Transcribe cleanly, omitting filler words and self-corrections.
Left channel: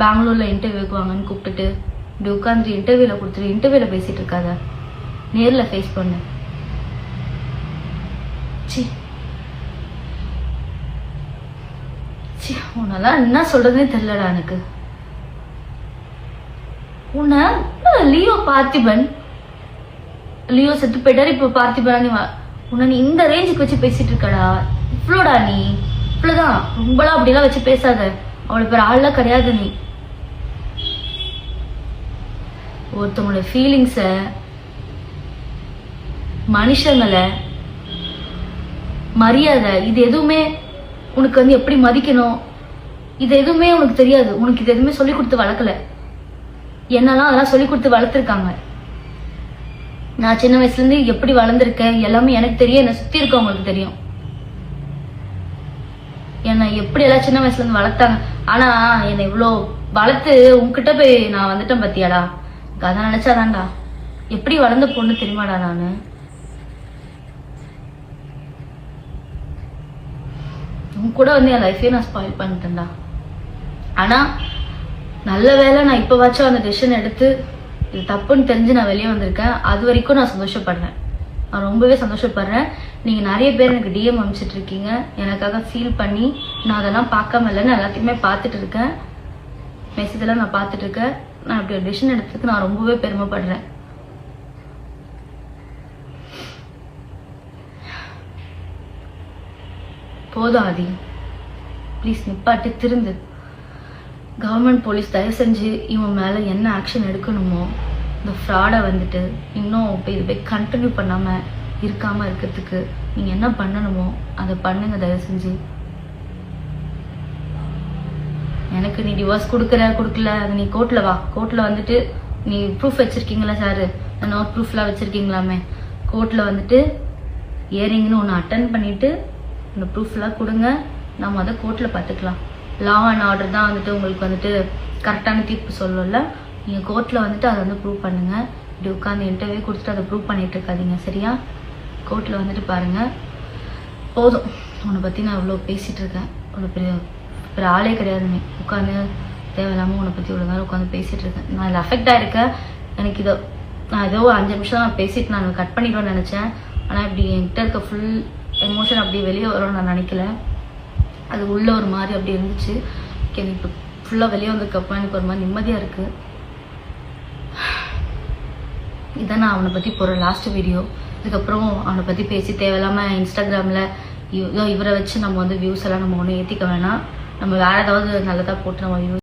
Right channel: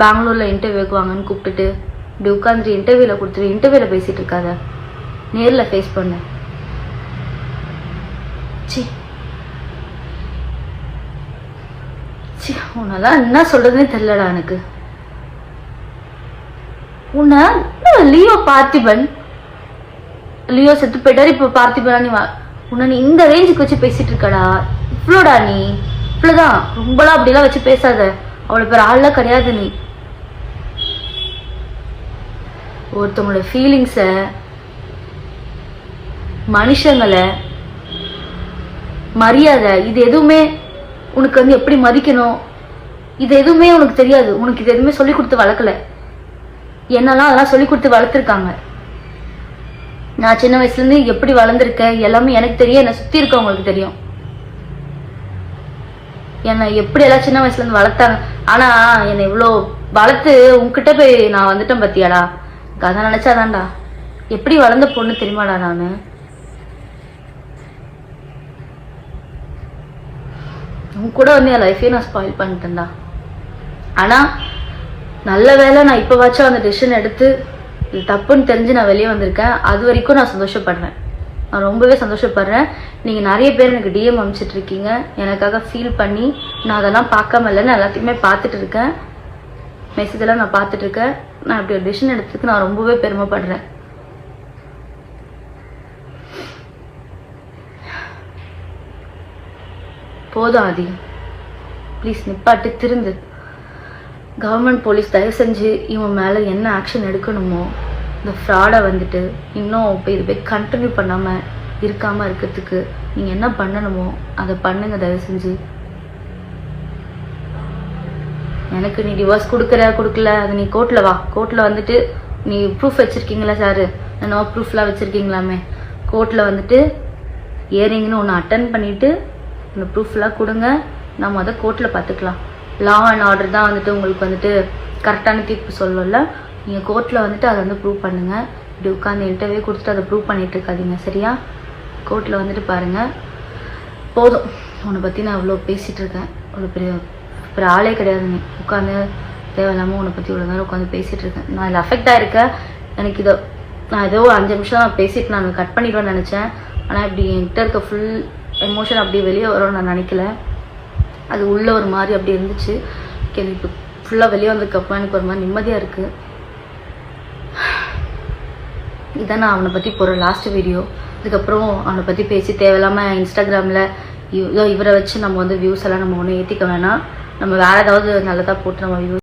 பெங்களூர்ல இன்டர்வியூக்கு வாங்கன்னு கூப்பிட்டுட்டு இப்படி உட்காந்துட்டு இன்டர்வியூல கொடுத்துட்டு இன்டர்வியூல பேசிட்டு இருக்காத, நேர்ல ஃபேஸ் பண்ணு. உன்னெல்லாம் என்ன சொல்றதுனே தெரியலடா எனக்கு. உன்ன லியோ பார்த்திபன், லியோ செத்து போயிட்டாரு, இப்ப பார்த்திபனா நீ உன்ன நீ இந்த ரேஞ்சுக்கு வச்சு பேசிட்டு இருக்கடா. இவ்வளோடா நீ, இவ்வளவுதான். ரொம்பலாம் அப்படிலாம் வச்சு பேசாத, அவ்வளவு பேர் ஆள்லாம் கிடையாது நீ. ஒருத்தவங்களோட ஃபீலிங்ஸ, மனுஷங்களை, மரியாதை, இது எதுவுமே உனக்கு வந்து எப்படி மதிக்கணும், இது எதுவுமே உனக்கு தெரியாது. உனக்கு இது எதுவுமே சொல்லி கொடுத்து வளர்க்கல. என்னெல்லாம் அதெல்லாம் சொல்லி கொடுத்து வளர்த்துருக்காங்க. நான் சின்ன வயசுல இருந்து எப்படி வளர்ந்துருக்கேன் எல்லாமே எனக்கு தெரியும், என்னை சுத்தி இருக்கவங்களுக்கு தெரியும். என்னை எப்படி எல்லாம் சின்ன வயசுல இருந்து வளர்த்தாங்க. ஆனா என்னை இவ்வளோ வளர்த்து உன்கிட்ட போய் நான் வந்துட்டேன் பத்தியாடா. அதை நினைச்சாதான்டா எப்படி வளர்ந்த பொண்ணு தெரியுமாடா நானு. உன் கூட வந்து என் லைஃபையும் நான் ஸ்பாயில் பண்ணிட்டேன்டா. ஆனா நல்ல வேலை நான் இப்ப வாச்சும் அந்த டெசிஷன் எடுத்து இது தப்புன்னு தெரிஞ்சு நான் வெளியே வந்திருக்கேன். அது வரைக்கும் நான் சந்தோஷப்படுறேன், நான் ரொம்பவே சந்தோஷப்படுறேன். நீங்க நிறைய பேர் எனக்கு டிஎம் அனுப்பிச்சிட்டு இருக்கீங்க, எனக்காக ஃபீல் பண்ணி. நான் அதெல்லாம் பார்க்காம இல்லைன்னு எல்லாத்தையுமே பார்த்துட்டு இருக்கேன், மெசேஜ் எல்லாம் நான் பார்த்துட்டு இருக்கேன். நான் இப்படி ஒரு டெசிஷன் எடுத்ததுக்கு நான் ரொம்பவே பெருமைப்படுறேன். போதும் ஆதி, ப்ளீஸ் நிப்பாட்டு, திருந்து. கவர்மெண்ட் போலீஸ் தயவு செஞ்சு இவன் மேல என்ன ஆக்ஷன் எடுக்கணுமோ, இந்த ஃப்ராடை வந்துட்டு இன்னும் இப்போ இது போய் கண்டினியூ பண்ணாம இருக்காம இருக்கிறதுக்கு நீங்க என்ன பண்ணணுமோ அதை பண்ணுங்க தயவு செஞ்சு. எனக்கு நீ டிவோர்ஸ் கொடுக்கல, அது நீ கோர்ட்ல வா. கோர்ட்ல வந்துட்டு நீ ப்ரூஃப் வச்சிருக்கீங்களா சாரு, நோ ப்ரூஃப்லாம் வச்சிருக்கீங்களாமே. கோர்ட்ல வந்துட்டு இயரிங்னு ஒன்று அட்டன் பண்ணிட்டு அந்த ப்ரூஃப்லாம் கொடுங்க, நம்ம அதை கோர்ட்ல பார்த்துக்கலாம். லா அண்ட் ஆர்டர் தான் வந்துட்டு உங்களுக்கு வந்துட்டு கரெக்டான தீர்ப்பு சொல்லல. நீங்க கோர்ட்ல வந்துட்டு அதை வந்து ப்ரூவ் பண்ணுங்க. இப்படி உட்காந்து இன்டர்வியூ கொடுத்துட்டு அதை ப்ரூவ் பண்ணிட்டு இருக்காதீங்க, சரியா? கோர்ட்ல வந்துட்டு பாருங்க. போதும், உன்னை பத்தி நான் இவ்வளோ பேசிட்டு இருக்கேன். அவ்வளோ பெரிய ஆளே கிடையாது நீ. உட்காந்து தேவையில்லாம உன்னை பத்தி இவ்வளோ நேரம் உட்காந்து பேசிட்டு இருக்கேன். நான் இதில் அஃபெக்ட் ஆயிருக்கேன். எனக்கு இதை நான் ஏதோ 5 நிமிஷம் நான் பேசிட்டு நான் கட் பண்ணிடுவேன்னு நினைச்சேன். ஆனா இப்படி என்கிட்ட இருக்க ஃபுல் எமோஷன் அப்படி வெளியே வரும்னு நான் நினைக்கல. அது உள்ள ஒரு மாதிரி அப்படி இருந்துச்சு. இப்போ ஃபுல்லா வெளியே வந்ததுக்கப்புறம் எனக்கு ஒரு மாதிரி நிம்மதியா இருக்கு. இதான் நான் அவனை பத்தி போற லாஸ்ட் வீடியோ. இதுக்கப்புறம் அவனை பத்தி பேசி தேவையில்லாம இன்ஸ்டாகிராம்ல இவரை வச்சு நம்ம வந்து வியூஸ் எல்லாம் நம்ம ஒன்றும் ஏற்றிக்க வேணாம். நம்ம வேற ஏதாவது நல்லதா போட்டு நம்ம வியூஸ்